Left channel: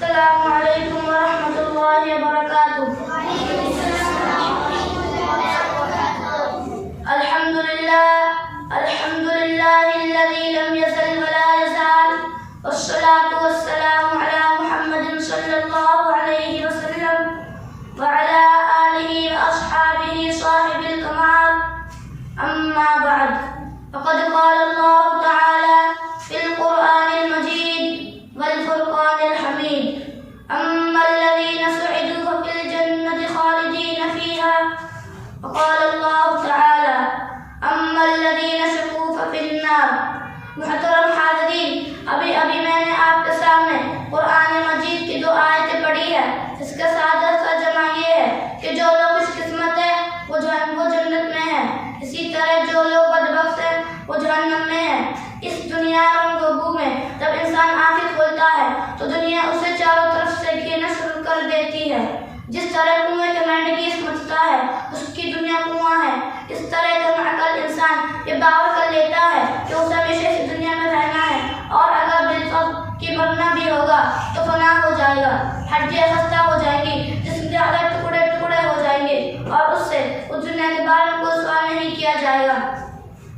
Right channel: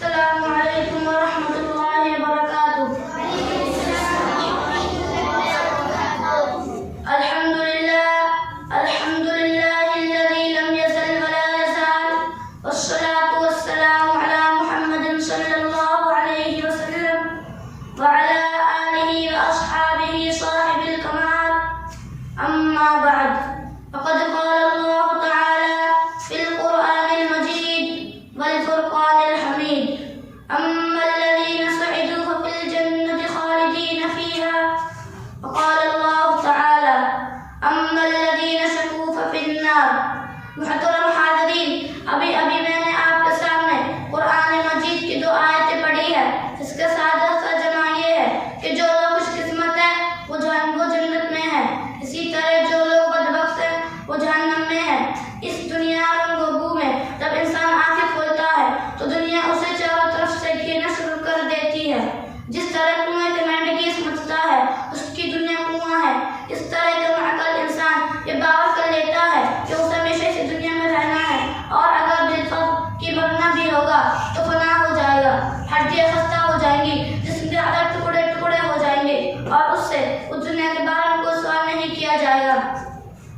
السلام علیکم ورحمۃ اللہ وبرکاتہ۔ الحمد للہ الذی لم یزل ولا یزال، والصلاة والسلام علی محمد صلی اللہ علیہ وسلم وعلی آلہ واصحابہ صاحب الکمال، اما بعد، فقد قال اللہ تعالی فی القرآن المجید والفرقان الحمید، اما الذین سعدوا ففی الجنة خالدین فیہا، وقال اللہ تعالی اما الذین شقوا ففی النار۔ محترم حاضرین، ابھی میں نے آپ کے سامنے قرآن مجید کی 2 آیتیں پڑھی ہے، اس کا سادہ سا جمع یہ ہے کہ جو لوگ خوش قسمت ہیں وہ جنت میں ہیں، اسی طرح جو لوگ بدبخت ہیں وہ جہنم میں ہیں۔ اس دنیا رنگ و بو میں جب انسان آنکھیں کھولتا ہے تو دنیا اسے چاروں طرف سے گھیرنا شروع کر دیتی ہے۔ جس طرح کنویں کے مینڈی سمجھتا ہے اس کی دنیا کنواں ہے، اس طرح کم عقل انسان یہ باور کر لیتا ہے کہ اسے ہمیشہ اس دنیا میں رہنا ہے، اور اگر بالفرض کی مرنا بھی ہوگا تو فنا ہو جائے گا، ہڈیاں خستہ ہو جائیں گی، جسم کے اعضاء ٹکڑے ٹکڑے ہو جائیں گے، اور اس سے اس دنیا کے بارے میں کوئی سوال نہیں کیا جائے گا۔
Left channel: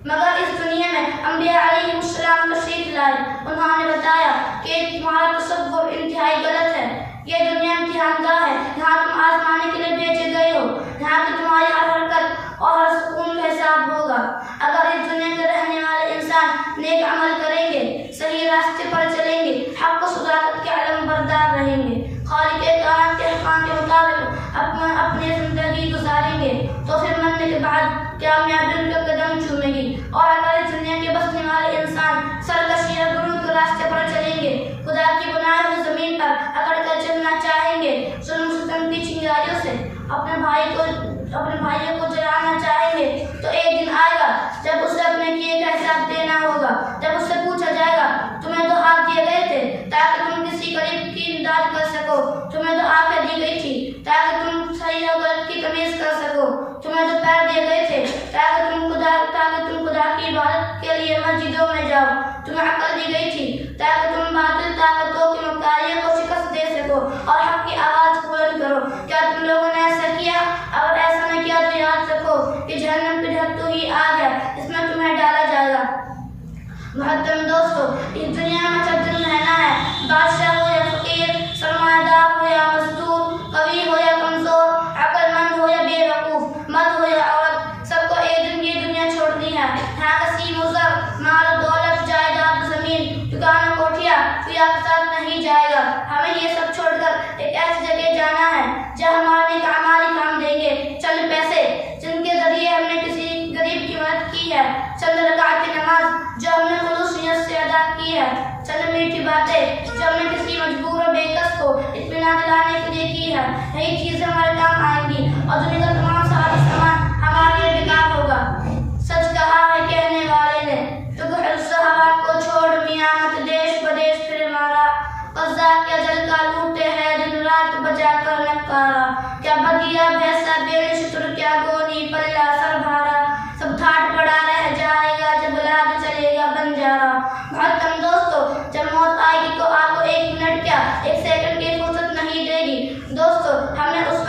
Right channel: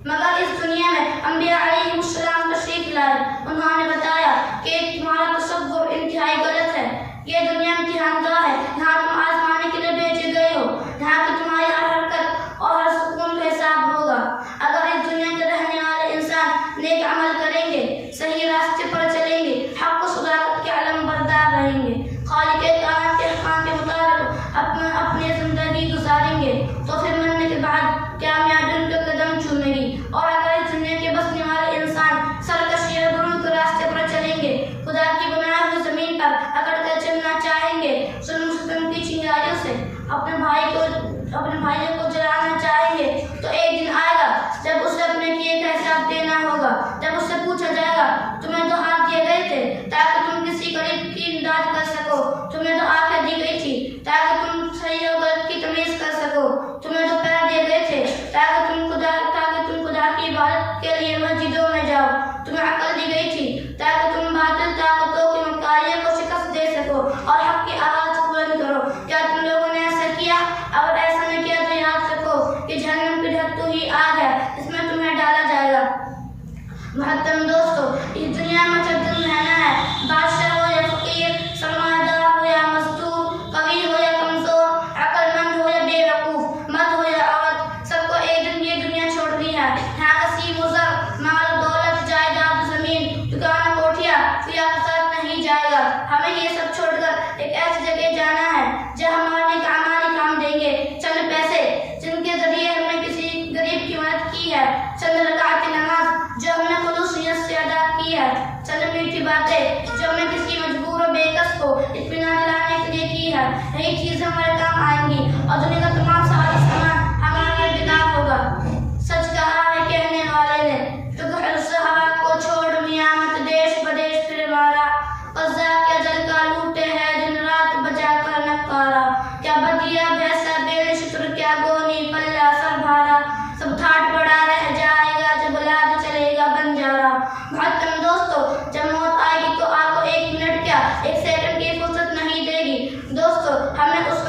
مگر اس دنیا میں انبیاء علیہ السلام تشریف لائے، انہوں نے بتایا کہ تمہارا تصور انتہائی غلط ہے، یہ دنیا امتحان گاہ ہے، یہاں تم آزمانے کے لیے بھیجے گئے ہو، یہاں کی تمہاری ہر حرکت اور ہر سکون کا حساب ہوگا۔ اگر اس دنیا کے رہنے والے انسان نیک عمل کریں گے، صحیح راستے پر چلیں گے، حق و صداقت کے علم بردار رہیں گے، خالق کائنات کے احکام کے مطابق اپنی زندگی گزاریں گے، تو پھر مرنے کے بعد کامیابی ان کے قدم چومے گی۔ اور اگر اس دنیا کے بسنے والے انسان سرکشی اور غرور کے راستے پر چلیں گے، خدا کی بنائی ہوئی زمین پر اکڑ کر چلنا چاہیں گے، ظلم ستم کی چنگاریوں سے اپنے بھائیوں کو جلانا چاہیں گے، تو ایک دن آئے گا جب اسے اپنے کیے کا حساب دینا ہوگا، جب اس سے پوچھا جائے گا تمہیں تو ہاتھ دیے گئے تھے تاکہ تم کسی غریب کی امداد کر سکو، تمہیں تو آنکھیں دی گئی تھی تاکہ تم صحیح اور غلط کی تمیز کر سکو، تمہیں تو پیر دیے گئے تھے تاکہ تم خدا کی عبادت کے لیے مسجدوں میں جاؤ، تمہیں عقل دی گئی تھی تاکہ تم باطل طاقتوں کی مکاریوں کو شکست دے سکو اور حق کی آواز بلند کرو۔ کیا تم لوگوں نے ایسا کیا؟ اگر ایسا نہ کیا تو یاد رکھو کہ جہنم کی ڈھکتو ہی آگ ہے، اس میں تمہیں ڈالا جائے گا۔ محترم دوستو، اس دنیا میں جب دن رہنا ہے، بادشاہ ہو یا فقیر، سرمایہ دار ہو یا مزدور، قوی ہو یا کمزور، عقل مند ہو یا بے وقوف، مرد ہو یا عورت، سب کو ایک دن یہ دنیا چھوڑنی ہے۔ یہاں کسی مزر، مال و دولت، جائیداد، زمین، دکان، کوٹھیاں کوئی آپ کے ساتھ نہیں جائے گا۔ ہمیں یہ سب چھوڑ کر ایک ایسی جگہ جانا ہے جہاں ہمارے نیک اعمال ہی کام دیں گے، چند پیسے جن کے ذریعے ہم نے کسی غریب کی مدد کی ہے، چند رکعت نماز جو ہم نے خلوص نیت سے ادا کی ہے، چند میٹھی باتیں جو ہم نے کسی مجبور و بے کس کو اطمینان دلانے کے لیے کی ہے، یہی چیزیں ہمارے کام آئیں گی، اور دنیا کا تمام سامان ہمارے لیے بیکار ہوگا۔ سچ کہا ہے کہنے والے نے، تو الصحابات کو چھوڑ میاں مت دیش بدیش پھر مارا، قضا کیا جل کا لوٹے ہے دن رات بجا کر نکارا، کیا بدیا بھیسا بے شتر کیا گونی پلہ سر بھارا، سب ٹھاٹ پڑا رہ جائے گا جب لاد چلے گا بنجارا۔ محترم دوستو، جب موت آئے گی تو آپ کو 1 منٹ کیا 1 سیکنڈ کی فرصت نہیں دے گی۔ دوستو، ہمیں اس